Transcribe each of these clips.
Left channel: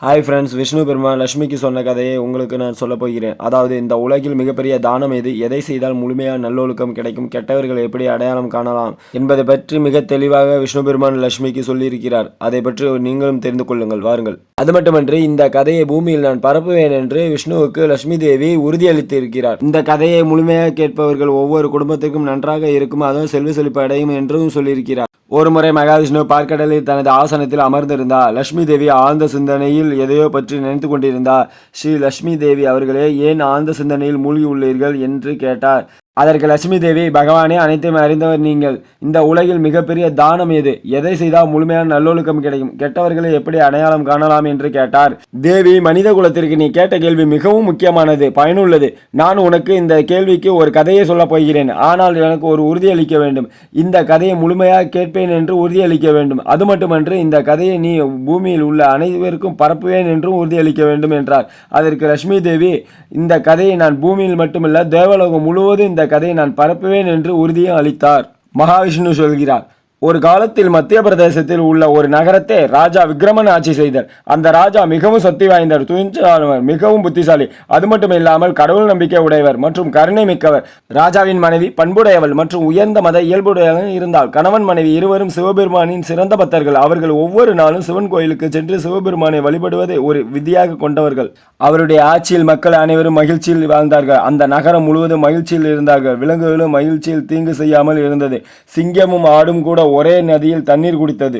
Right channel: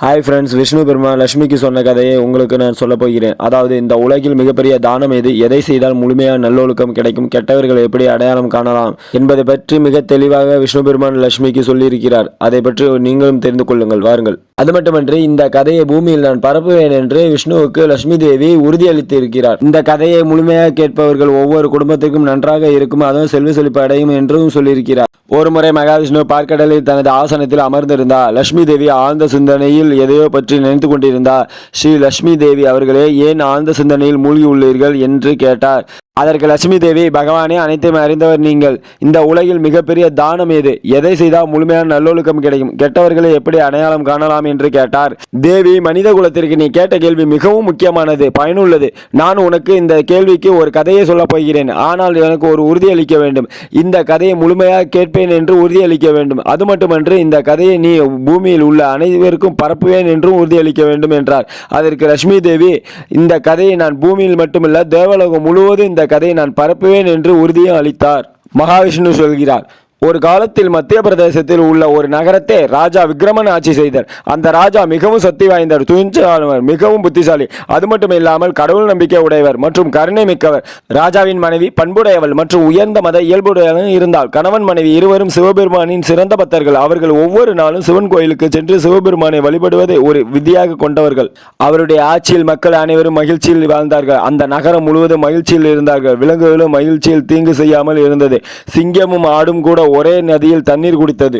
Hi friends, Vishnu பெருமான் லட்சுமிக்கு சொன்ன கதையை உங்களுக்கு நான் சொல்லப் போகிறேன். அதாவது, இந்த உலகில் மிகப்பெரிய தானம் எது, எதை செய்தால் முழுமையான நல்லொழுக்கம் கிடைக்கும், கெட்டவர்களை எப்படி அடையாளம் காணலாம் என்பதை பற்றி மிக தெளிவாக விஷ்ணு பெருமான் லட்சுமிக்கு சொல்லியிருக்கிறார். அதை பற்றி நீங்களும் தெரிந்து கொள்ளுங்கள், வாருங்கள். அது மட்டுமன்றி, இந்த கதையை பூமியில் நான் பரப்புவேன் என்று விஷ்ணுவுக்கு லட்சுமி தேவி உறுதியளித்து இருக்கிறார். இந்த கதையை முழுமையாக கேட்பவர்கள் ஒவ்வொரு குடும்பத்திற்கும் நன்றாக இருக்கும், அதுவும் செல்வ செழிப்பு அடையும் என்றும் சொல்லியிருக்கிறார். ஒருமுறை மகாவிஷ்ணு பார்க்கடலில் தனது ஆசனத்தில் அமர்ந்திருந்தார். லட்சுமி தேவி ஆழ்ந்த சிந்தனையில் எதையோ பற்றி நினைத்து கொண்டிருந்தார். ஸ்ரீ லட்சுமி தேவி அவர்களே, ஏன் ஆழ்ந்த சிந்தனையில் மூழ்கி உள்ளீர்கள் என்று கேட்டார். அதற்கு லட்சுமி தேவி, பகவானே, அனைத்தையும் அறிந்தவர் நீங்கள். இந்த உலகில் மிகப்பெரிய தானம் எது, எதை செய்தால் முழுமையான நல்லொழுக்கம் கிடைக்கும், கெட்டவர்களை எப்படி அடையாளம் காணலாம் என்று கேட்டார். தேவி, மனித குலத்திற்கு நீ கேட்ட கேள்வி மிகவும் முக்கியமானது, பயனுள்ளது. நான் உனக்கு இந்த கேள்விக்கு ஒரு கதையை சொல்லப் போகிறேன். ஆனால் எனக்கு ஒரு உறுதியளிக்க வேண்டும். இந்த கதையை முழுமையாக கேட்பேன் என்று உறுதியளிக்க வேண்டும். அது மட்டுமன்று, இந்த கதையை நீ பூமியில் உள்ள அனைவருக்கும் பரப்புவேன் என்றும் உறுதியளிக்க வேண்டும் என்றார். அதற்கு லட்சுமி தேவி, இந்த கதையை நான் பூமியில் மட்டுமல்ல, தேவலோகம் முழுவதும் இந்த கதையை நான் பரப்புவேன் என்று உறுதியும் அளித்தார். மகாவிஷ்ணு சொல்கிறார், ஒரு காலத்தில் மத்திய பிரதேசத்தில் உள்ள ஒரு நகரத்தை ராஜா விக்ரமன் ஆட்சி செய்தார். அந்த ராஜா மிகவும் சக்தி வாய்ந்தவர், துணிச்சலானவர், மிகவும் புத்திசாலி. அது மட்டும் இல்லாமல் கடவுள் நம்பிக்கை உடையவர் மற்றும் கருணை மிக்கவர். ராஜாவின் மனைவி பண்புடையவள் மற்றும் உயர்ந்த மத இயல்புடையவள் இருந்தால். கணவன் மனைவி இருவரும் சிவபெருமானின் சிறந்த பக்தர்கள். அவர்கள் ஒவ்வொரு நாளும் சிவன் கோயிலுக்கு சென்று சிவபெருமானை வழிபடுவதை ஒரு விதியாக கொண்டவர்கள். அவருடைய ஆட்சியில் மக்கள் அனைவரும் மகிழ்ச்சியில் வாழ்ந்தார்கள். அந்த நகரம் முழுவதும் மகிழ்ச்சியில் இருந்தார்கள். விலங்குகளும் மகிழ்ச்சியில் தீங்கு செய்யாமல் இருந்தது. சிங்கமும் ஆடும் கூட ஒரே நதியில் தண்ணீர் குடித்தது.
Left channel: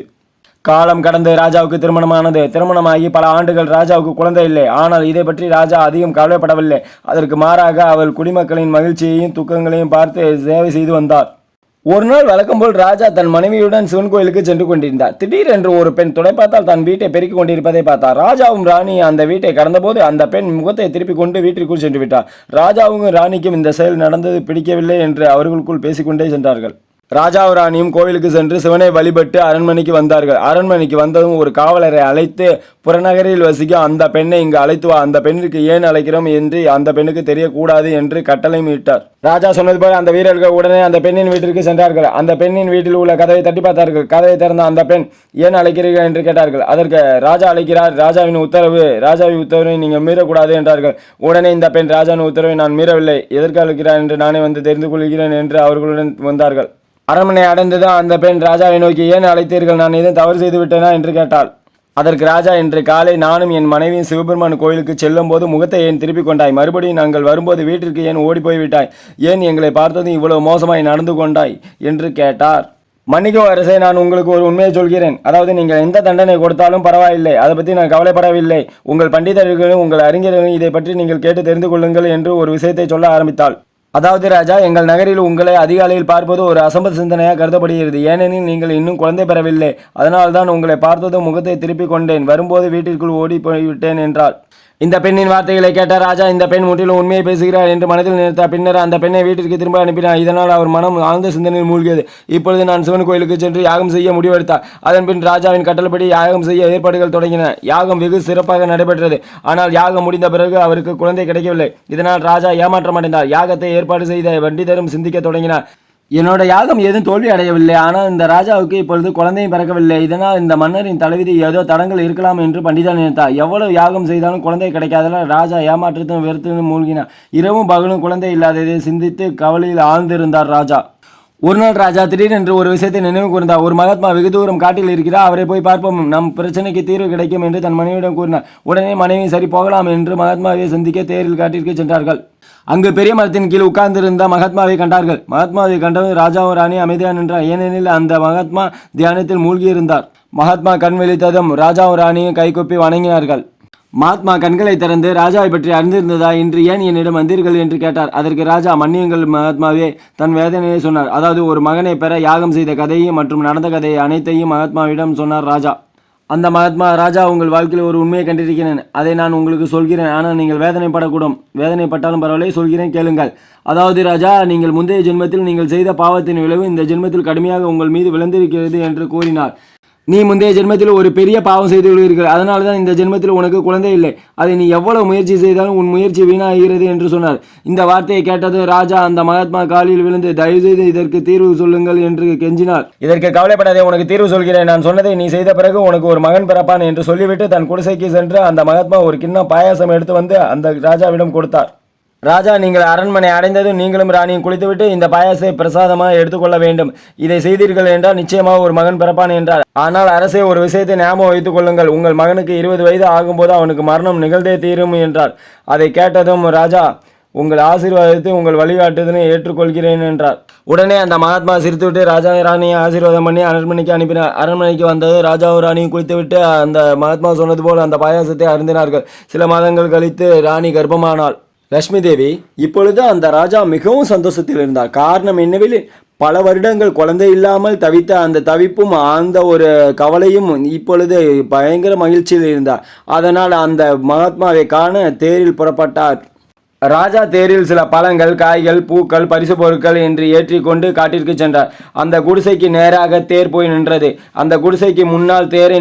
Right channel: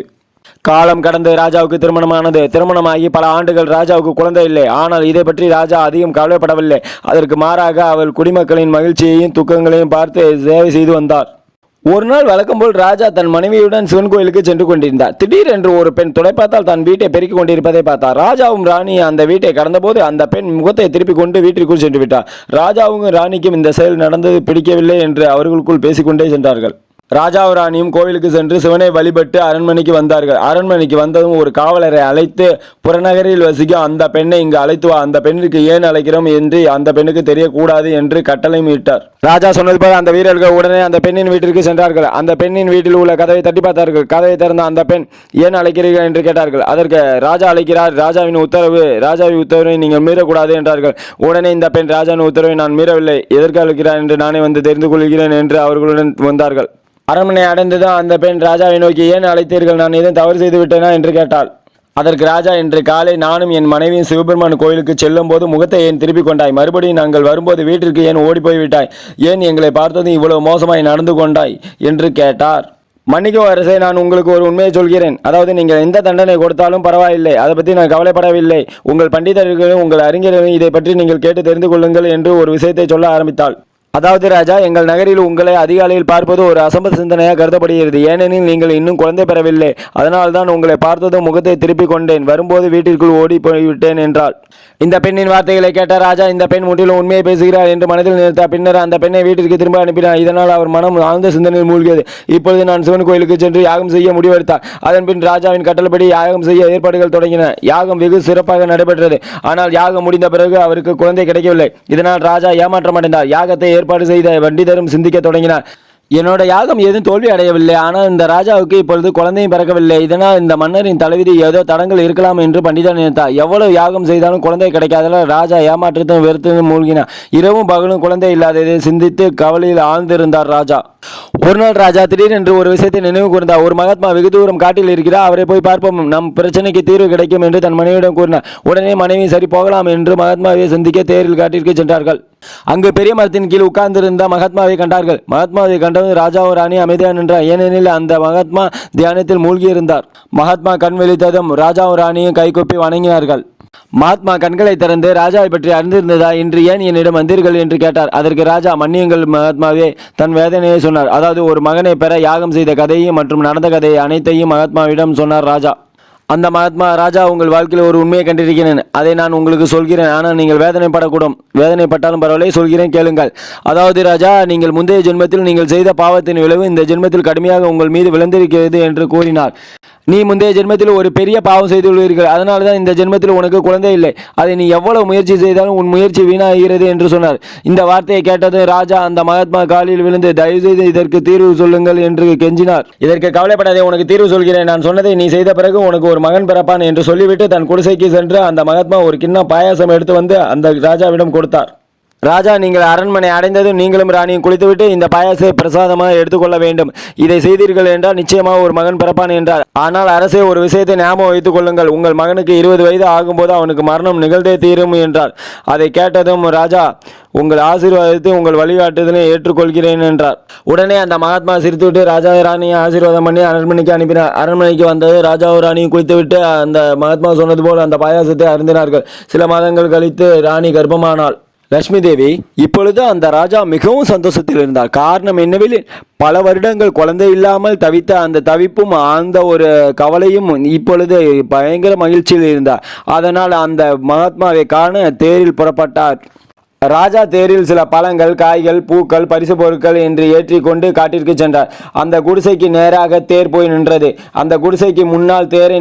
காலம் கடந்து ராஜாவுக்கு திருமணமானது. திருமணமாகி பல ஆண்டுகள் ராஜாவுக்கு குழந்தை இல்லை. ஆனால் இதை பற்றி ராஜா அதிகம் கவலைப்படவில்லை. அதற்கு மாறாக அவள் குடிமக்களின் மகிழ்ச்சியையும் துக்கங்களையும் பார்த்து சேவை செய்து வந்தார். ஒரு நாள் வழக்கம் போல் ராஜா தன் மனைவியுடன் சிவன் கோயிலுக்கு சென்று கொண்டிருந்தார். திடீரென்று ஒரு பெண் துடைப்பாத்தால் தன் வீட்டை பெருக்கிக் கொண்டிருப்பதை பார்த்தார். ராஜாவும் ராணியும் அந்த வீட்டை கடந்தபோது அந்த பெண் முகத்தை திருப்பிக் கொண்டு வீட்டிற்குள் சென்று விட்டார். ராஜாவுக்கும் ராணிக்கும் இந்த செயல் நடந்தது பிடிக்கவில்லை என்று அவர்களுக்குள் பேசிக்கொண்டே சென்றார்கள். ராஜாவும் ராணியும் கோவிலுக்கு சென்று சிவனை வழிபட்டு அரண்மனைக்கு வந்தார்கள். அரண்மனைக்கு வந்ததும் ஒரு காவலரை அழைத்து, புறநகரில் வசிக்கும் அந்த பெண்ணை இங்கு அழைத்து வா, அந்த பெண்ணுக்கு ஏன் அழைக்கிறோம் என்று அந்த பெண்ணுக்கு தெரியக்கூடாது என்று கட்டளை இட்டார். ராஜா சொன்னது போல அந்த வீரர்கள் உடனே அந்த பெண்ணின் வீட்டிற்கு சென்றார்கள். அந்த பெண்ணின் வீட்டில் உள்ள கதவை தட்டி பார்த்தார்கள். கதவை திறந்த அந்த பெண், ஏன் அழைக்கிறீர்கள் என்று கேட்டார்கள். அதற்கு, ராஜா அழைக்கிறார், ராஜாவின் உத்தரவை நீங்கள் மீறக்கூடாது என்றார்கள். உடனே இந்த பெண், ராஜாவின் உத்தரவை நான் மீறவில்லை, எதற்கு அழைக்கிறார் என்று நானே வந்து தெரிந்து கொள்கிறேன் என்று அவர்களுடன் வந்தார்கள். அரண்மனை அடைந்ததும் அந்த பெண் ராஜாவை நோக்கி, ஏன் அழைத்தீர்கள், நான் எதுவும் தவறு செய்து விட்டேனா என்று கேட்டாள். அதற்கு ராஜா, இன்று காலை நானும் என் மனைவியும் சிவபெருமான் கோயிலுக்கு செல்லும் போது முகத்தை ஏன் திருப்பிக் கொண்டாய்? மறுபடியும் நாங்கள் வரும்போது வீட்டிற்கு ஏன் ஓடி போய்விட்டாய்? ஏன் எங்களை பார்த்ததும் இவ்வளவு மோசமாய் நடந்து கொண்டாய் என்று கேட்டார். மன்னிக்கும் அரசே, நான் உங்களுக்கு ஒரு உண்மையை சொல்கிறேன். அதாவது, நீங்கள் எந்த தண்டனை கொடுத்தாலும் பரவாயில்லை, அதை பற்றி நான் கவலைப்படவில்லை. உங்கள் பண்டிதர்களும் உங்கள் அறிஞர்களும் இதை பற்றி நீங்கள் கேட்டு தெரிந்து கொள்ளுங்கள் என்று ஒரு விஷயத்தை சொல்ல ஆரம்பித்தாள். அதாவது ராஜா, எங்கள் நகரில் உங்களை அதிகாலையில் பார்ப்பது ஒரு அசம்பத் சிந்தனையாக கருதப்படுகிறது. ஏனெனில் நீங்கள் இன்னும் குழந்தை பெறவில்லை. அதனால்தான் உங்களை பார்த்ததும் முகத்தை திருப்பிக் கொண்டேன். வரும்போது வீட்டிற்குள் ஓடி போய்விட்டேன் என்றாள். இந்த பெண்ணின் வார்த்தைகளை கேட்ட ராஜா, இந்த பெண் முற்றிலும் உண்மையை பேசுகிறார் என்று மனதில் நிறுத்தார். பின்னர் அந்த பெண்ணை வீட்டிற்கு திரும்ப அனுப்பினார். இதனால் அவர் மனம் ஆழ்ந்த சிந்தனையில் மூழ்கியது. இப்பொழுது நான் சிவன் கோயிலுக்கு சென்று யாகம் செய்ய முடிவெடுத்தார். அதன் பின் ராஜாவின் கட்டளைப்படி யாகம் செய்ய ஏற்பாடுகள் தொடங்கின. யாகம் வெகு சிறப்பாக நடைபெற்றது. ஆனால் யாகம் முடிந்த பிறகு அவருக்கு குழந்தை கிடைக்கவில்லை. இதனால் ராஜா ஏமாற்றமடைந்தார். யாகத்தை ஏற்பாடு செய்த பண்டிதரும் சிந்திக்க தொடங்கினார். என்னோட யாகம் ஏதும் தோல்வி அடையவில்லை. ஆனால் இந்த ராஜாவுக்கு இப்பொழுது குழந்தையும் பிறக்கவில்லை. இதனால் இந்த மன்னரின் தலைவிதி ஏதோ தடங்கள் இருக்கலாம் என்று பண்டிதன் நினைத்தார். எவ்வளவு யாகம் செய்தாலும் குழந்தை கிடைக்காததால் ராஜா ஏமாற்றத்தும் வெறுத்தும் மூழ்கினார். இரவும் பகலும் குழந்தை இல்லாததை சிந்தித்து கவலையில் ஆழ்ந்திருந்தார் ராஜா. ஒரு நாள் ராஜா திடீரென்று ஒரு விஷயத்தை நினைவு கூர்ந்தார். ஒரு மகாத்மா வெகு தூரம் காட்டில் இருக்கிறார், அவரை போய் பார்ப்போம், நம் பிரச்சனைக்கு தீர்வு கிடைக்கும் என்று தன் மனைவியிடம் கூறினார். உடனே மனைவி சரி போகலாம் என்று மகாத்மாவை சந்திக்க தேரில் காட்டிற்கு சென்றார்கள். அங்கு பெரிய மரத்தின் கீழ் உட்கார்ந்திருந்த மகாத்மாவை கண்டார்கள். மகாத்மாவை கண்டவன் ராஜாவும் ராணி அமைதியாக நின்றார். ஏனெனில் அந்த மகாத்மா தியானத்தில் மூழ்கியிருந்தார். மகாத்மா கண் விழித்ததும் ராஜாவும் ராணியும் கைகொப்பி வணங்கினார்கள். மகாத்மா கண்களை திறந்து, ராஜாவை பற்றி அறிந்திருந்ததா, இன்று ஏன் என்னிடம் வந்தீர்கள் என்று கேட்டார். அதற்கு ராஜா, மன்னியுங்கள் மகாத்மாவே, தன் வேதனையை சொன்னார். அதாவது, ஒரு மகனை பெற யாகம் செய்த கதையும் மற்றும் நடந்த கதையை அனைத்தையும் மகாத்மாவிடம் சொன்னார் ராஜா. அந்த மகாத்மா, ராஜா, உங்கள் வாழ்க்கையில் ஒரு உண்மையை கண்டிருக்கிறேன், அதை நான் உங்களுக்கு சொல்கிறேன். ஆனால் நீங்கள் வேதனைப்படக்கூடும். வேதனைப்பட்டாலும் பரவாயில்லை, சொல்கிறேன் கேளுங்கள். அதாவது ராஜா, நீங்கள் முந்தைய ஜென்மத்தில் நீங்கள் செய்த பாவத்தின் விளைவு இந்த ஜென்மத்தில் கடுமையாக உங்கள் மீது விழுந்திருக்கிறது என்று கூறினார். நீ முந்தைய ஜென்மத்தில் ஒரு பெரிய பாவம் செய்துள்ளீர்கள், அதனால தான் இந்த ஜென்மத்தில் உனக்கு குழந்தை இல்லை. அதை நீ எவ்வளவு முயற்சி செய்தாலும் உன் முயற்சி வீணாகிறது என்று சொன்னார். இந்த வார்த்தையை கேட்டது ராஜா அந்த மகாத்மா காலில் விழுந்து தயவு செய்து இதற்கு தீர்வு சொல்லுங்கள் என்று கெஞ்சினார். இதற்கு கவலைப்படாதே, உனக்கு தீர்வு சொல்கிறேன். நான் சொன்னதை நீ செய்த பிறகு உனக்கு ஒரு மகன் பிறப்பான் என்று சொல்லிவிட்டு தன் குடிசைக்கு சென்று அந்த மகாத்மா ஒரு கிண்ணம் பாயாசம் எடுத்து வந்து அந்த ராஜாவிடம் கொடுத்தார். ராஜா, நீங்கள் அரண்மனை அடைந்ததும் நீங்களும் ராணியும் குளித்துவிட்டு இந்த பாயாசத்தை பிரசாதமாக எடுத்துக்கொள்ள வேண்டும். இதை செய்தீர்கள் என்றால் நிச்சயமாக ஒரு மகன் பிறப்பான் என்றார். ஆனால் அரசே, ஒரு விஷயத்தை ஞாபகம் வைத்துக் கொள்ளுங்கள். உங்கள் மகனுக்கு 20 வயது ஆகும்போது அவனுக்கு மரணம் நிகழ்ந்தே தீரும் என்றார். அதை கேட்டதும் ராஜா, உங்கள் ஆசீர்வாதத்தை உங்கள் வழிகாட்டுதலை ஏற்றுக்கொள்கிறேன் என்றார். உடனே அந்த மகாத்மா சிரித்துவிட்டு ராஜா ராணியை ஆசீர்வாதம் பண்ணி அரண்மனைக்கு அனுப்பினார். அரண்மனைக்கு வந்தது ராஜாவும் ராணியும் குளித்துவிட்டு அந்த மகாத்மா சொன்னது போல் அந்த பாயாசத்தை அருந்தினார்கள். சில மாதங்கள் கழித்து ராணி கர்ப்பமானாள். லட்சுமி தேவி இப்பொழுது அந்த ராஜா மிகவும் சந்தோஷத்தில் இருந்தார். காரணம் என்னவெனில் பல வருடங்கள் குழந்தை இல்லாமல் தவித்த அந்த தவிப்பும் அந்த ஒரு கவலையும் இப்பொழுது பயங்கர மகிழ்ச்சியில் இருந்தார். அதனால் அந்த மகாத்மாவை காண தேரில் புறப்பட்டார். ராஜா தேரில் சில பழங்கள், காய்கள், பூக்கள், பரிசு பொருட்கள் என்று ஏற்றிக்கொண்டு காட்டிற்கு சென்றார். அந்த குடிசைக்கு நேராக தேர் போய் நின்றது. அந்த குடிசைக்கு முன்னால் தேரை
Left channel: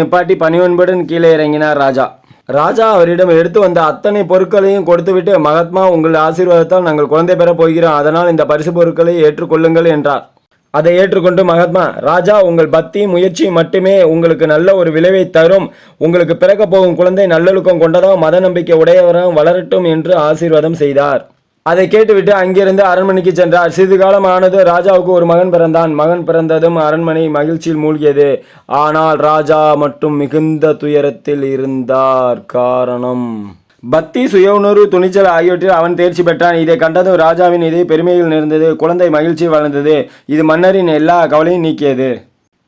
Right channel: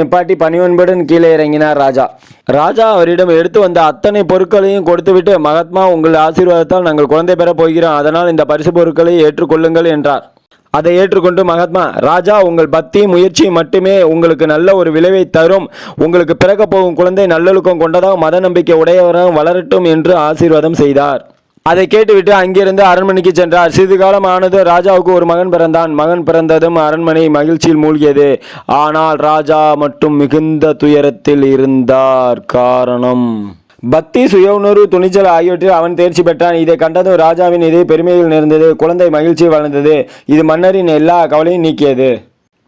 நிப்பாட்டி பணிவன்புடன் கீழே இறங்கினார் ராஜா அவரிடம் எடுத்து வந்த அத்தனை பொருட்களையும் கொடுத்துவிட்டு, மகாத்மா, உங்கள் ஆசீர்வாதத்தால் நாங்கள் குழந்தை பெறப் போகிறோம், அதனால் இந்த பரிசு பொருட்களை ஏற்றுக்கொள்ளுங்கள் என்றார். அதை ஏற்றுக்கொண்டு மகாத்மா, ராஜா, உங்கள் பக்தி முயற்சி மட்டுமே உங்களுக்கு நல்ல ஒரு விளைவை தரும். உங்களுக்கு பிறக்க போகும் குழந்தை நல்லொழுக்கம் கொண்டதாகவும் மத நம்பிக்கை உடையவராகவும் வளரட்டும் என்று ஆசீர்வாதம் செய்தார். அதை கேட்டுவிட்டு அங்கிருந்து அரண்மனைக்கு சென்றார். சிறிது காலம் ஆனது. ராஜாவுக்கு ஒரு மகன் பிறந்தான். மகன் பிறந்ததும் அரண்மனை மகிழ்ச்சியில் மூழ்கியது. ஆனால் ராஜா மட்டும் மிகுந்த துயரத்தில் இருந்தார். காரணம் பக்தி, சுய உணர்வு, துணிச்சல் ஆகியவற்றில் அவன் தேர்ச்சி பெற்றான். இதை கண்டதும் ராஜாவின் இது பெருமையில் நிறைந்தது. குழந்தை மகிழ்ச்சி வளர்ந்தது. இது மன்னரின் எல்லா கவலையும் நீக்கியது.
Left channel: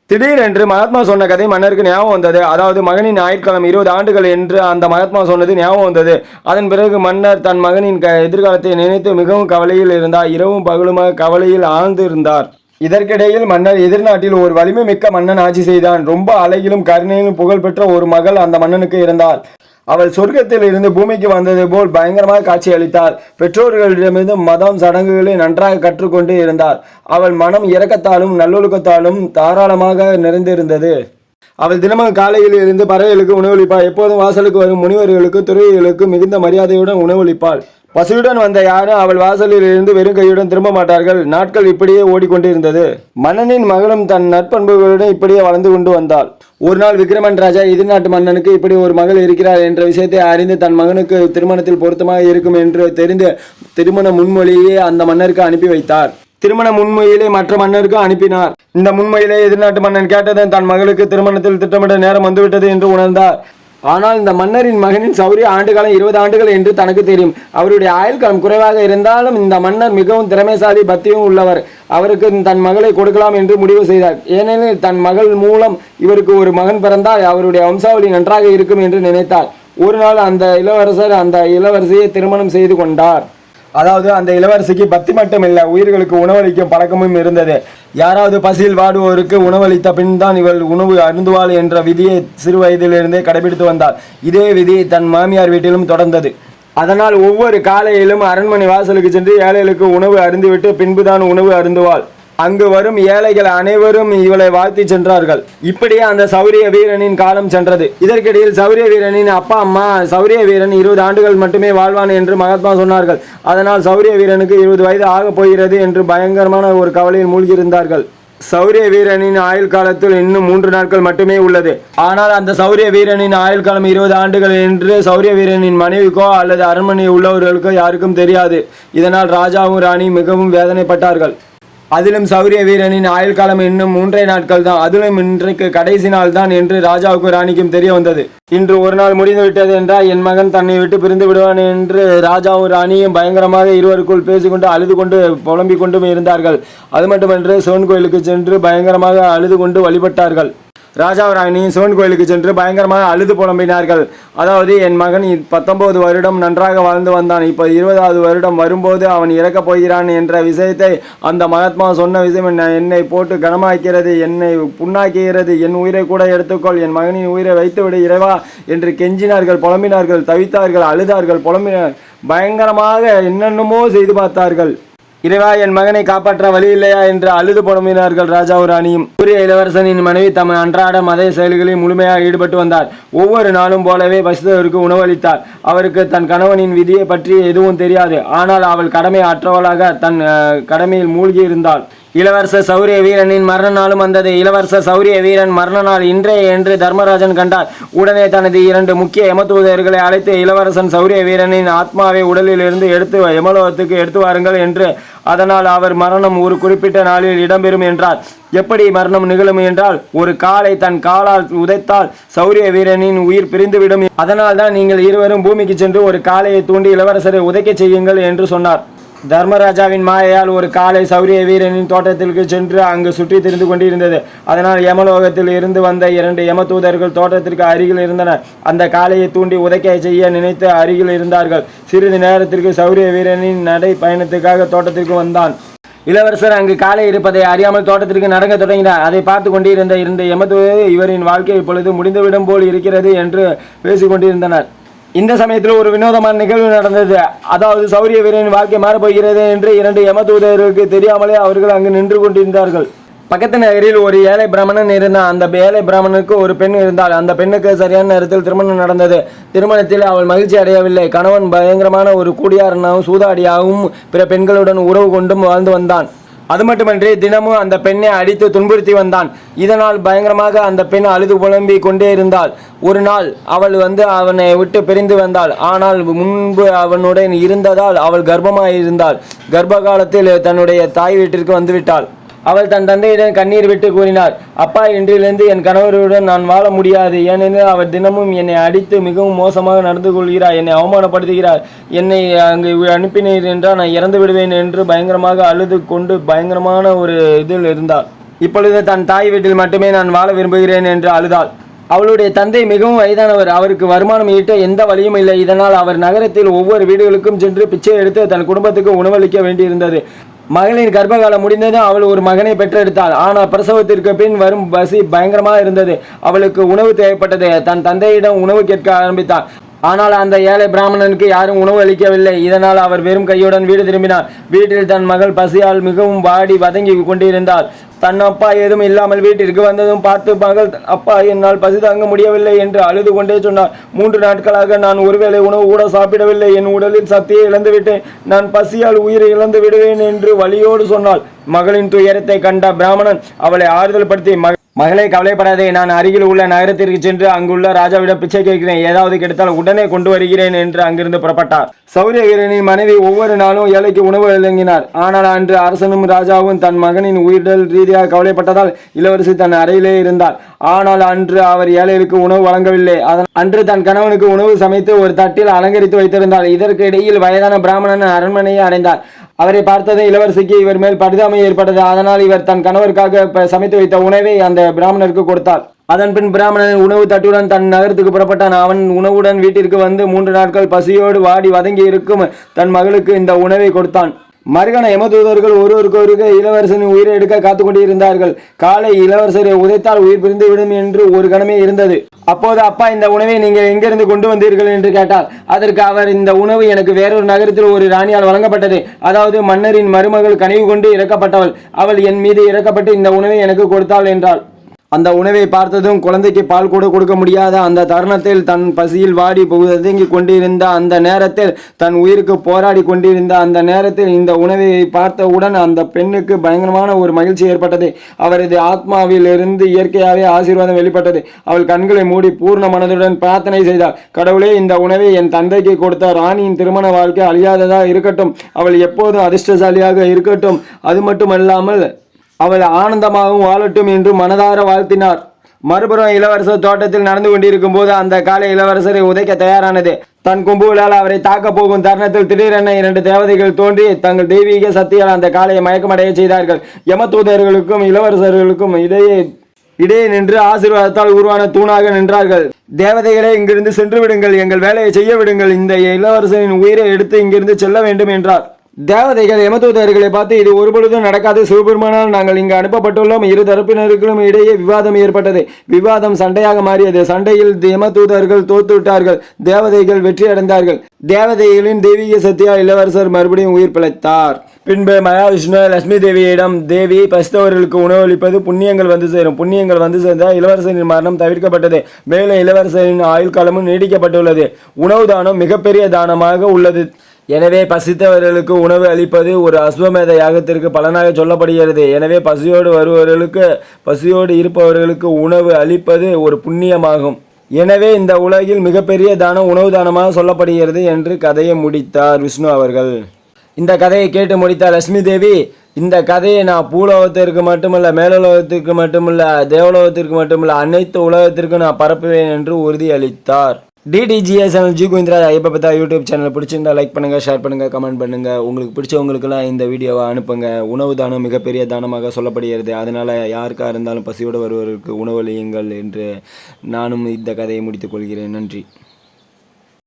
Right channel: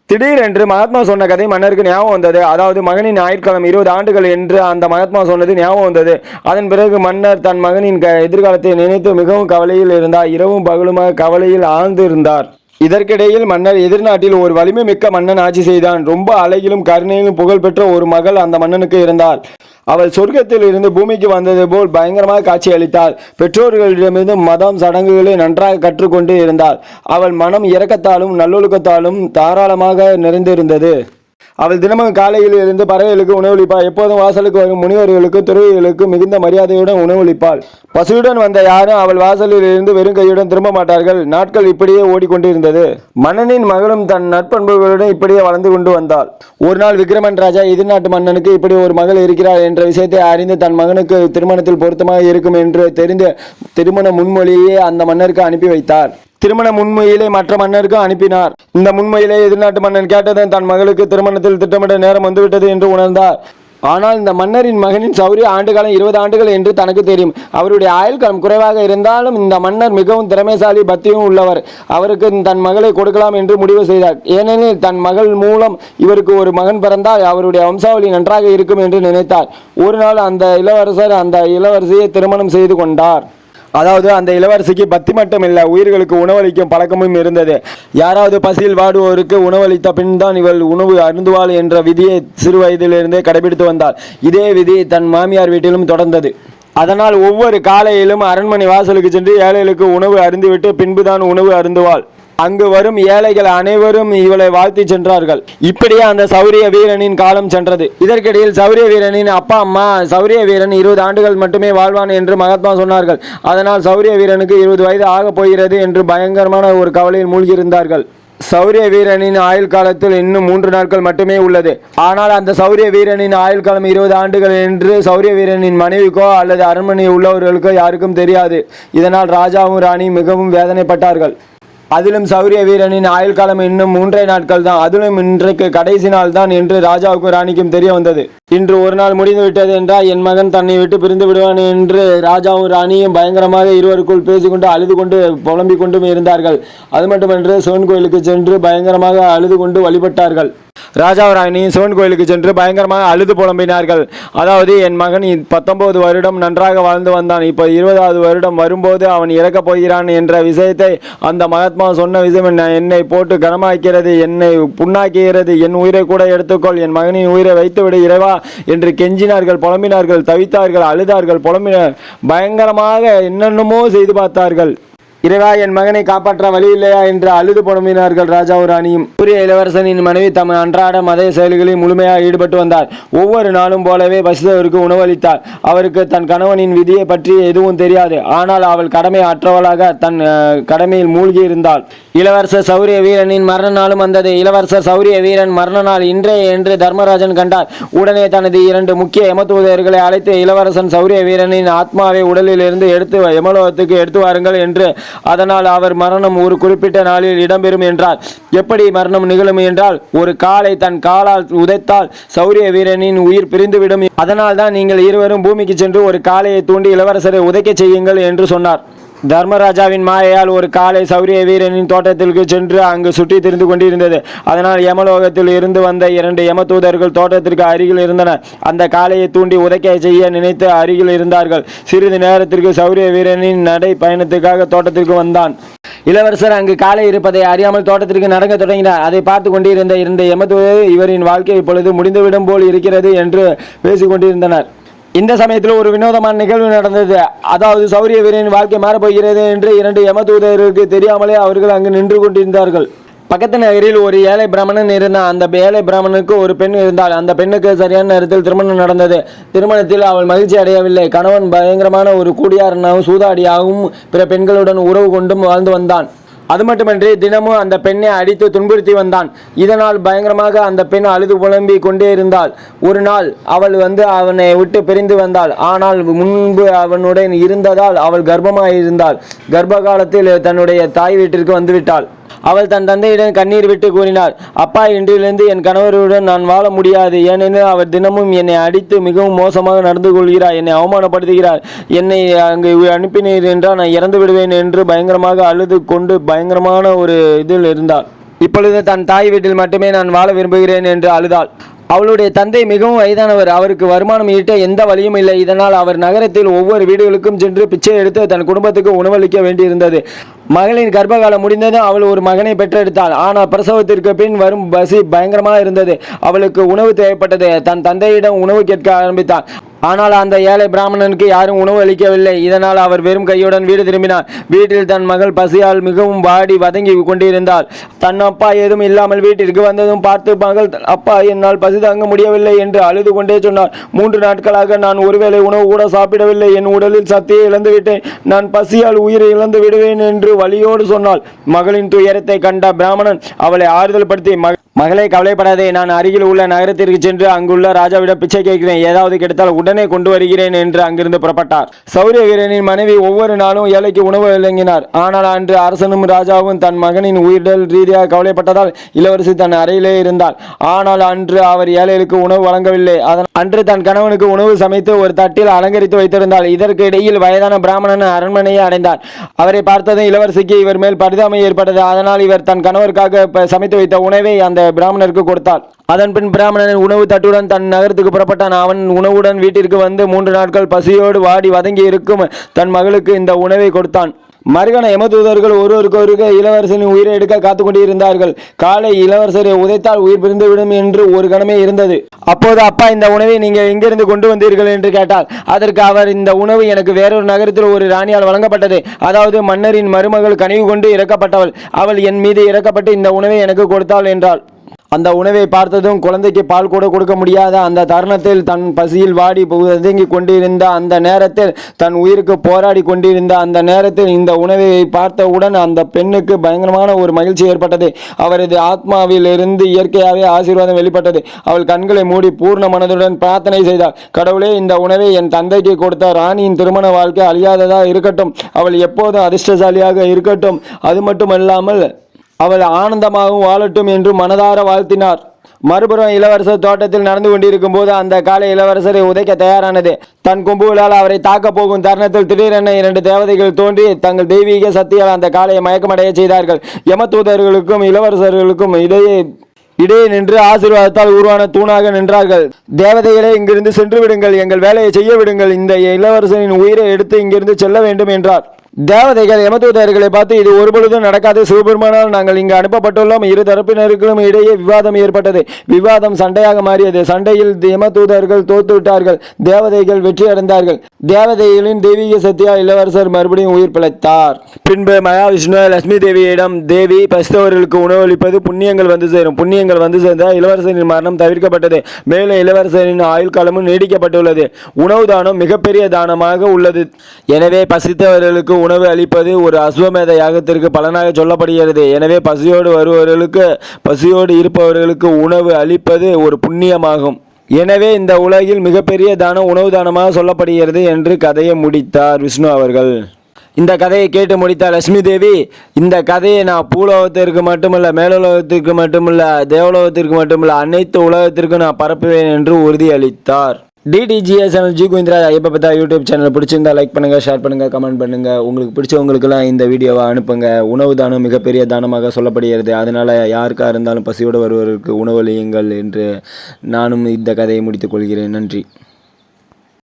திடீரென்று மகாத்மா சொன்ன கதை மன்னருக்கு ஞாபகம் வந்தது. அதாவது மகனின் ஆயுட்காலம் 20 ஆண்டுகள் என்று அந்த மகாத்மா சொன்னது ஞாபகம் வந்தது. அதன் பிறகு மன்னர் தன் மகனின் எதிர்காலத்தை நினைத்து மிகவும் கவலையில் இருந்தார். இரவும் பகலுமாக கவலையில் ஆழ்ந்து இருந்தார். இதற்கிடையில் மன்னர் எதிர்நாட்டில் ஒரு வலிமை மிக்க மன்னன் ஆட்சி செய்தான். ரொம்ப அழகிலும் கருணையிலும் புகழ்பெற்ற ஒரு மகள் அந்த மன்னனுக்கு இருந்தாள். அவள் சொர்க்கத்தில் இருந்து பூமிக்கு வந்தது போல் பயங்கரமாக காட்சி அளித்தாள். பெற்றோர்களிடமிருந்து மதம் சடங்குகளை நன்றாக கற்றுக்கொண்டு இருந்தாள். அவள் மனம் இரக்கத்தாலும் நல்லொழுக்கத்தாலும் தாராளமாக நிறைந்திருந்தது. அவள் தினமும் காலையில் இருந்து பறவைகளுக்கு உணவளிப்பாள். எப்போதும் வாசலுக்கு வரும் முனிவர்களுக்கு, துறவிகளுக்கு மிகுந்த மரியாதையுடன் உணவளிப்பாள். பசியுடன் வந்த யாரும் அவள் வாசலில் இருந்து வெறும் கையுடன் திரும்ப மாட்டார்கள். நாட்கள் இப்படியே ஓடிக்கொண்டிருந்தது. மன்னனின் மகளும் தன் நற்பண்புகளுடன் இப்படியே வளர்ந்து கொண்டு வந்தாள். ஒரு நாள் விக்ரமன் ராஜா எதிர்நாட்டு மன்னனுக்கு இப்படி ஒரு மகள் இருக்கிறார் என்ற விஷயத்தை அறிந்து தன் மகனுக்கு திருமணத்தில் பொருத்தமாக இருக்கும் என்று தெரிந்து திருமண முன்மொழியை அந்த மன்னருக்கு அனுப்பி வைத்தார். திருமண முன்மொழியை மற்ற மன்னருக்கு அனுப்பினார். இந்த முன்மொழியை எதிர்நாட்டு மன்னன் கேட்டதன் தன் மகளுக்கு திருமணத்தில் திட்டமிட நேரம் வந்துவிட்டது என்று உணர்ந்தார். ஆனால் இந்த மன்னரின் மகனின் சௌரிய ஆண்டுகாலம் 20 ஆண்டுகள் என்று தனக்கு தெரியும். அவருடைய ஆயுள்காலம் குறைவாக இருந்தாலும் இந்த மன்னர் மிகவும் திறமைசாலி, பக்தியும் உள்ளவர். அவருக்கு தன் மகளை கொடுக்கலாம் என்று முடிவு செய்தார். ஏனெனில் தன் மகள் மூலம் இவருக்கு ஒரு மகன் பிறந்தால் அவருடைய வம்சாவளி நன்றாக இருக்கும் என்று நினைத்தார். ஒரு நாள் அந்த இளவரசர் அந்த இளவரசியை திருமணம் செய்து கொண்டார். அதாவது அந்த இளவரசிக்கு பக்தி மட்டும் இல்லை, உயிர்களுக்கு உணவளிக்கும் பழக்கமும் இருந்தது. யாராவது பசியில் வாடுவோருக்கு உணவளித்த பின் தான் இவள் உணவு அருந்துவாள் என்ற விதியை சிறு வயதிலிருந்தே கடைபிடித்து வந்தாள். இதே விதி தன் மாமியார் வீட்டிலும் தொடர்ந்தது. அதனால் ஒவ்வொரு காலையிலும் அரண்மனை வாசலுக்கு சென்று ஏழைகளுக்கு உணவு அருந்திவிட்டு பின்புதான் உணவு அருந்துவாள். அங்கு வரும் ஏழைகள் அனைவரும் இவளை வாழ்த்தி சென்றார்கள். இப்படியே அந்த சௌரிய வீரனின் காலம் சென்றது. இதற்கிடையில் சௌரிய வீரனின் அப்பா அம்மா சௌரிய வீரன் 20 ஆண்டுகள் மட்டுமே வாழ்வான் என்று மகாத்மா சொன்னார்கள். அதனால் சௌரிய வீரனுக்கு 20 வயது ஆகப் போகிறது என்று பயங்கரமான ஒரு கவலையில் மூழ்கியிருந்தார்கள். சௌரிய வீரனின் ஆயுள் காலத்தில் இன்னும் 3 நாட்கள் மட்டுமே உள்ளது. ஆனால் அந்த சௌரிய வீரனின் ஆயுள் காலம் 20 ஆண்டுகள் என்று சௌரிய வீரனின் மனைவிக்கோ அல்லது அரண்மனை உள்ளவர்களுக்கோ யாருக்கும் தெரியாது. இதனால் ராஜாவும் ராணியும் மிகவும் வேதனைப்பட்டார்கள். அதிலும் சௌரிய வீரனின் ஆயுள் காலம் இன்னும் 3 நாட்கள் தான். அதிலும் இன்றைக்கு கடைசி நாள் தான் என்று ராஜாவுக்கும் ராணிக்கும் தெரிய வந்தது. இன்று ஒரு நாள் முடிந்துவிட்டது என்றால் என் மகன் தன்னை விட்டு பிரிந்து விடுவான் என்று ராஜாவும் ராணியும் பயங்கரமாக இருவருக்குள் பேசிக்கொண்டு அழுது கொண்டு புலம்பிக் கொண்டும் இருந்தார்கள். அது மட்டுமன்று சிவன் கோயிலுக்கு சென்று பயங்கரமாக அழுது கொண்டு வழிபட்டார்கள். ராஜாவும் ராணியும் சிவன் கோயிலுக்கு சென்று பயங்கரமாக அழுது புலம்பினார்கள். அதாவது என் மகன் 19 வருடம் நன்றாக வாழ்ந்து வந்தான், இப்போ 20வது வருடம் வரும்போது அவன் இறக்கப் போகிறான் என்ற விஷயத்தை அந்த மகாத்மா சொன்ன விஷயம் என்னை போட்டு கனமாக்கிறது, என்னை புண்ணாக்குகிறது, என் உயிரை கூட எடுத்துக்கொள், என் மகனின் உயிரை வைத்துவிடு இறைவா என்று கெஞ்சினார்கள், புலம்பினார்கள், தவித்தார்கள், அழுதார்கள், புலம்பினார், பயங்கரமாக என்னென்னமோ செய்து பார்த்தார்கள். இறைவா, என் மகனை காப்பாற்ற வழி இல்லையா என்று அழுது புலம்பினார்கள் ராஜாவும் ராணியும். சூரிய இளவரசனின் மனைவி தம் அன்றாட மத செயல்களில் முழுமையாக ஈடுபட்டு வந்தார். ஒவ்வொரு நாளும் போலவே பசித்தவருக்கு உணவளித்தார். அவருக்கு தன் கணவனின் விதியை பற்றி எதுவும் தெரியாது. ஆனால் அவள் கடமை அற்றவளாக தன் கடமையில் மூழ்கி இருந்தாள். இளவரசர் சௌரிய வீரனின் மரண நாளும் வந்தது. இளவரசர் சௌரிய வீரன் மரண நாள் இன்றைய என்று தர்மராஜன் கண்டார். உடனே தனது 2 முக்கிய யமதூதர்களை அழைத்து இளவரசன் சௌரிய வீரனின் ஆத்மாவை உடலில் இருந்து எடுத்து யமலோகத்துக்கு எடுத்து வாருங்கள் என்று, அதனால் அவர் மரணம் ஒரு குறிப்பிட்ட நாளில் இடம்பெறும் என்றார். எப்படி மரணம் நிகழும் என்றால், ஒரு காலை தன் காலால் உதைத்தால் சௌரிய வீரனின் உயிர் பிரிந்துவிடும். அதனால் தான் நீங்கள் இருவரும் பூமிக்கு சென்று ஒரு காளையை தூண்டி இளவரசரை உதைக்க செய்யுங்கள் என்று சொன்னார். தர்மராஜாவின் மாயையால் ஒரு காலை சௌரிய வீரனின் தோட்டத்திற்கு சென்று அங்கு சுற்றி திரிந்து கொண்டிருந்தது. அதனால் யமலோகத்தில் இருந்து வந்த 2 யமதூதர்கள் தோட்டத்திற்கு அருகில் இருந்தனர். அந்த காளையை தூண்டி உதைக்க செய்ய நினைத்து அருகில் இருந்தார்கள். சிறிது நேரத்திற்கு சௌரிய வீரனின் நடை பயணத்துக்காக தோட்டத்திற்கு வந்தான். இளவரசர் அங்கு காலை இருப்பதை அறியாமல் தோட்டத்திற்கு நடக்க தொடங்கினார். அதை பார்த்து கொண்டிருந்த 2 யமதூதர்கள் இவரின் வாழ்க்கை இப்பொழுது முடிந்துவிடும் போல் இருக்கிறது என்று பேசிக் கொண்டிருந்தனர். இந்த சமயத்தில் ஒரு வினோதமான நிகழ்வு நடந்தது. அதாவது சௌரிய வீரனின் வாழ்க்கை மாறப்போகிறது என்று 2 யமதூதருக்கு தெரியாமலே அவர்கள் அங்கு நின்று கொண்டிருந்தார்கள். பக்கத்து நகரில் ஒரு ஏழை பிராமணன் இருந்தான். அந்த ஏழை பிராமணனுக்கு ஒரு பெண் இருந்தாள். அந்த பெண்ணுக்கு சரியான நேரத்தில் திருமணம் நடந்தது. திருமணத்தில் அவள் மகிழ்ச்சி அடையவில்லை. கணவன் பயங்கரமான ஒரு கூடியாரனாகவும் சூதாடியாகவும் பிற பெண்களுடன் உறவு கொண்டும் வாழ்ந்து வந்தான். அது மட்டுமன்றி தினமும் அந்த பெண்ணை அடித்து துன்புறுத்தி வந்தான். இதனால் பயங்கரமாக அந்த பெண் அழுது புலம்பி கொண்டே இருந்தாள். ஒரு நாள் அவள் அவனை விட்டு பிரிந்து வந்தாள். ஆனால் முன்பு அவனுடன் இருந்ததால் அவள் கர்ப்பமாயிருந்தாள். கர்ப்ப காலத்தில் தன்னுடைய தாய் வீட்டிற்கு வந்துவிட்டாள். அவள் தன் தந்தையிடம் கண்ணீர் விட்டு கூறினார், அப்பா, இன்றிலிருந்து என் கணவருடன் நான் வாழ முடியாது. ஏனெனில் அவர் தினமும் என்னை அடித்து மிகவும் மோசமாக நடந்து கொள்கிறார், என்னை அவமானப்படுத்துகிறார். என்னை அங்கு அனுப்பினீர் என்றால் நான் இறந்து விடுவேன் என்று பயங்கரமாக அழுது கொண்டு பயங்கரமான ஒரு இதில் இருந்தார். இப்பொழுது தன் தாய் வீட்டில் மட்டுமே நான் வாழ விரும்புகிறேன் என்று அழுதாள். அவளுடைய தந்தை மிகவும் வயதானவர். அவருக்கு வருமானம் ஈட்ட எந்த வழியும் இல்லை. இதனால் அவர் நகரத்தில் ஒவ்வொரு வீடுகளுக்கும் சென்று பிச்சை எடுத்து தன் குடும்பத்துக்கு உணவளிக்க வேண்டியிருந்தது. மகளின் கர்ப்பகாலம் முடிந்ததும் அவள் ஒரு மகனை பெற்றெடுத்தாள். ஆனால் பிரசவத்திற்கு பின் வரும் பசி பயங்கரமாக இருந்தது. அவளுக்கு உணவு தேவைப்பட்டது. தன் தந்தையிடம் உணவு கேட்க ஆரம்பித்தாள். ஆனால் அந்த ஏழை பிராமணனுக்கு யாரும் உணவு அளிக்கவில்லை. இதனால் அவர் வெறும் கையுடன் வீடு திரும்பினார். வீட்டில் தன் மகள் பசியால் மிகவும் வாடி வதங்கி கொண்டிருந்தார். தன் அப்பா ஏதும் இல்லாமல் வீட்டிற்கு வந்ததும் பார்த்து மகள், அப்பா, என்னால் பசி தாங்க முடியவில்லை என்று அழுது கொண்டே சொன்னார். 3 நாட்களாக நான் ஒருவேளை உணவு கூட சாப்பிடவில்லை. என் உடலில் சக்தியை இழந்து விட்டேன். நான் பசியால் உயிரை இழந்து விடுவேன் என்று வலியோடு சொன்னாள். மகளின் துயரத்தை கண்ட பிராமணன் அவளை ஆறுதல் படுத்தி, மகளே, கவலைப்படாதே, நான் அருகில் உள்ள நகரத்திற்கு சென்று அங்குள்ள ராஜாவிடம் பிச்சை கேட்கிறேன். ஏதாவது கிடைத்தால் உடனே கொண்டு வருகிறேன் என்று அங்கிருந்து புறப்பட்டார். சௌரிய வீரனின் மனைவி ஒவ்வொரு நாளும் ஏழைக்கு உணவு வழங்கினார். ஆனால் அன்று அரசனும் ராஜாவும் தன் மகனின் உயிரிடல் ரீதியாக கவலைப்பட்டதால் இளவரசி தன் அறையிலே இருந்தார். ஆனால் அன்று அவர் ஏழைகளுக்கு உணவு வழங்கவில்லை. அன்று தன் கணவனுக்கு உணவு சமைத்து ஒரு தட்டில் அலங்கரித்து வைத்திருந்தார். இதற்கு இடையில் வயதான பிராமணன் அரண்மனையை அடைந்தார். அவரை பார்த்ததும் இளவரசிக்கு இவர் மேல் பரிதாபம் ஏற்பட்டது. அதனால் இவர் தன் கணவருக்காக சமைத்து வைத்த உணவை அந்த பிராமணருக்கு கொடுத்தார். அதன் பின் பிராமணன் உணவு தட்டுடன் தன் நகரத்துக்கு புறப்பட்டான். அவன் உணவுடன் வீட்டிற்கு வந்து 3 நாட்கள் பசியோடு வாடி வதங்கி இருக்கும் தன் மகளுக்கு இந்த உணவை கொடுத்தான். மறுகண யமதூதர்கள் ஒருவருக்கு இளவரசனின் உயிரை எடுக்க காத்துக் கொண்டிருந்தார்கள். காலை இளவரசரை உதைத்தால் உயிர் பிரிந்துவிடும் என்று ஒரு கணமே இருந்தது. அப்போது, அப்பா, இந்த உணவை நீங்கள் எங்கிருந்து கொண்டு வந்தீர்கள் என்று கேட்டார். அதற்கு அவர், இந்த உணவு எனக்கு வேறொரு நகரத்தில் ஒரு ராணியால் வழங்கப்பட்டது. அதாவது மன்னரின் மருமகள் கனிவு கொண்டு இறக்கப்பட்டவள். அவள் என் மீது இறக்கப்பட்டு இந்த உணவை எனக்கு கொடுத்தாள் என்றாள். அந்த உணவை பார்த்ததும் குழந்தைக்கு பால் கூட கொடுக்க முடியாத அந்த தருணத்தில், தன் பசியில் வாடி வதங்கி கொண்டிருந்த அந்த நேரத்தில், தன் உயிருக்கு போராடி கொண்டிருந்த அந்த நேரத்தில் இந்த உணவை பார்த்தவுடன் அந்த பெண்ணுக்கு பயங்கரமான ஒரு மகிழ்ச்சி ஏற்பட்டது. அவரது ஆத்மாவில் இருந்து இயற்கையாகவே ஆசீர்வாதம் வெளிப்பட்டது. அவள் கண்களை மூடி பூர்ண மனதுடன் பிரார்த்தனை செய்தாள். கடவுளே, இந்த உணவை என் தந்தைக்கு கொடுத்த ராணியின் திருமண வாழ்க்கை அழியாததாக இருக்கட்டும். அவள் எப்போதும் அதிர்ஷ்டசாலியாக இருக்கட்டும். அது மட்டுமல்லாமல் அவள் ஆனந்தமாகவும் வாழட்டும் என்று மனதார வாழ்த்தினார். மறுபுறம் இளவரசர் தோட்டத்தில் நடந்து கொண்டிருக்கும் போது அந்த காலை இளவரசரை உதைக்க தயாரானது. தன் கும்புகளால் அவரை தாக்க போகும் தருணத்தில் திடீரென 2 தேவதைகள் தோன்றி தங்கள் தெய்வீக சக்தியால் அந்த காலையை மயக்கமடைய செய்தார்கள். யமதூதர்களுக்கும் இளவரசர்களுக்கும் இடையே நின்று ஆசீர்வாதத்தால் உருவான தூணாக நின்றார்கள். தேவதைகளே, இங்கிருந்து சென்று விடுங்கள், எங்கள் வேலையை செய்ய விடுங்கள், இந்த இளவரசனின் உயிரை எடுத்து இங்கிருந்து செல்ல வேண்டும் என்றார். தேவதைகள் யமதூதர்களை பார்த்து இது ஒருபொழுதும் நடக்காது, சிவபெருமானால் நாங்கள் இங்கு அனுப்பப்பட்டுள்ளோம். இரு தரப்பினருக்கும் இடையே விவாதம் ஏற்பட்டது. விவாதம் சண்டையாக மாறியது. சண்டையில் யமதூதர்கள் தோத்துவிட்டார்கள். தேவதைகள் வெற்றி அடைந்தார்கள். தேவதைகளின் தெய்வீக சக்தியால் இளவரசர் மறுபடியும் உயிர் பிழைத்தார். பின்பு மகாவிஷ்ணு லட்சுமி தேவியிடம், தேவி பசித்தவர்களுக்கு உணவளிப்பது புண்ணியங்கள் வந்து சேரும். புண்ணியங்கள் வந்து சேர்ந்தால் இளவரசரின் மரணம் தவிர்க்கப்பட்டது. மேலும் இளவரசரின் ஆயுள் காலமும் நீடிக்கப்பட்டுள்ளது. உணவு தானம் மிகப்பெரிய தானமாக உள்ளது. எனவே பசித்தவர்களுக்கு உணவு அளிப்பது ஒரு அஸ்வமேத யாகத்திற்கு பலனாக சொல்லப்படுகிறது. எனவே பசியோடு இருப்பவர்களுக்கு உணவு அளிப்பது ஒரு புண்ணியமாகும். எனவே இந்த உலகில் மிகப்பெரிய தானம் உணவு தானமாக சொல்லப்படுகிறது என்று கதையை முடித்தார் விஷ்ணு அவர்கள். இந்த கதையை கேட்டு முடித்த லட்சுமி தேவி, இந்த கதையை நான் பூலோகத்திற்கு மட்டுமல்ல, மேலுலகத்திற்கு மட்டுமல்ல, தேவலோகத்திற்கு மட்டுமல்ல, அனைத்து உலகத்திற்கும் நான் பரப்புவேன் என்று உறுதியளித்தார். டிடிஜிஎஸ் சேனல் ஜி கோவிந்தராஜ் ஐயப்ப பத்தா யூடியூப் சேனல் பிடிச்சிருந்தா லைக் பண்ணுங்கள், ஷேர் பண்ணுங்கள், கமெண்ட் பண்ணுங்கள். உங்களுக்கு பிடிச்சவங்களுக்கெல்லாம் இந்த வீடியோவை அனுப்புங்க. உணவு தானம் மிகப்பெரிய தானமாக சொல்லப்படுகிறது. அதனால் யாருக்காக இருந்தாலும் பசியோடு வருவதற்கு உணவளியுங்கள் என்று நானும் இந்த கதையை முடித்துக் கொள்கிறேன். நன்றி.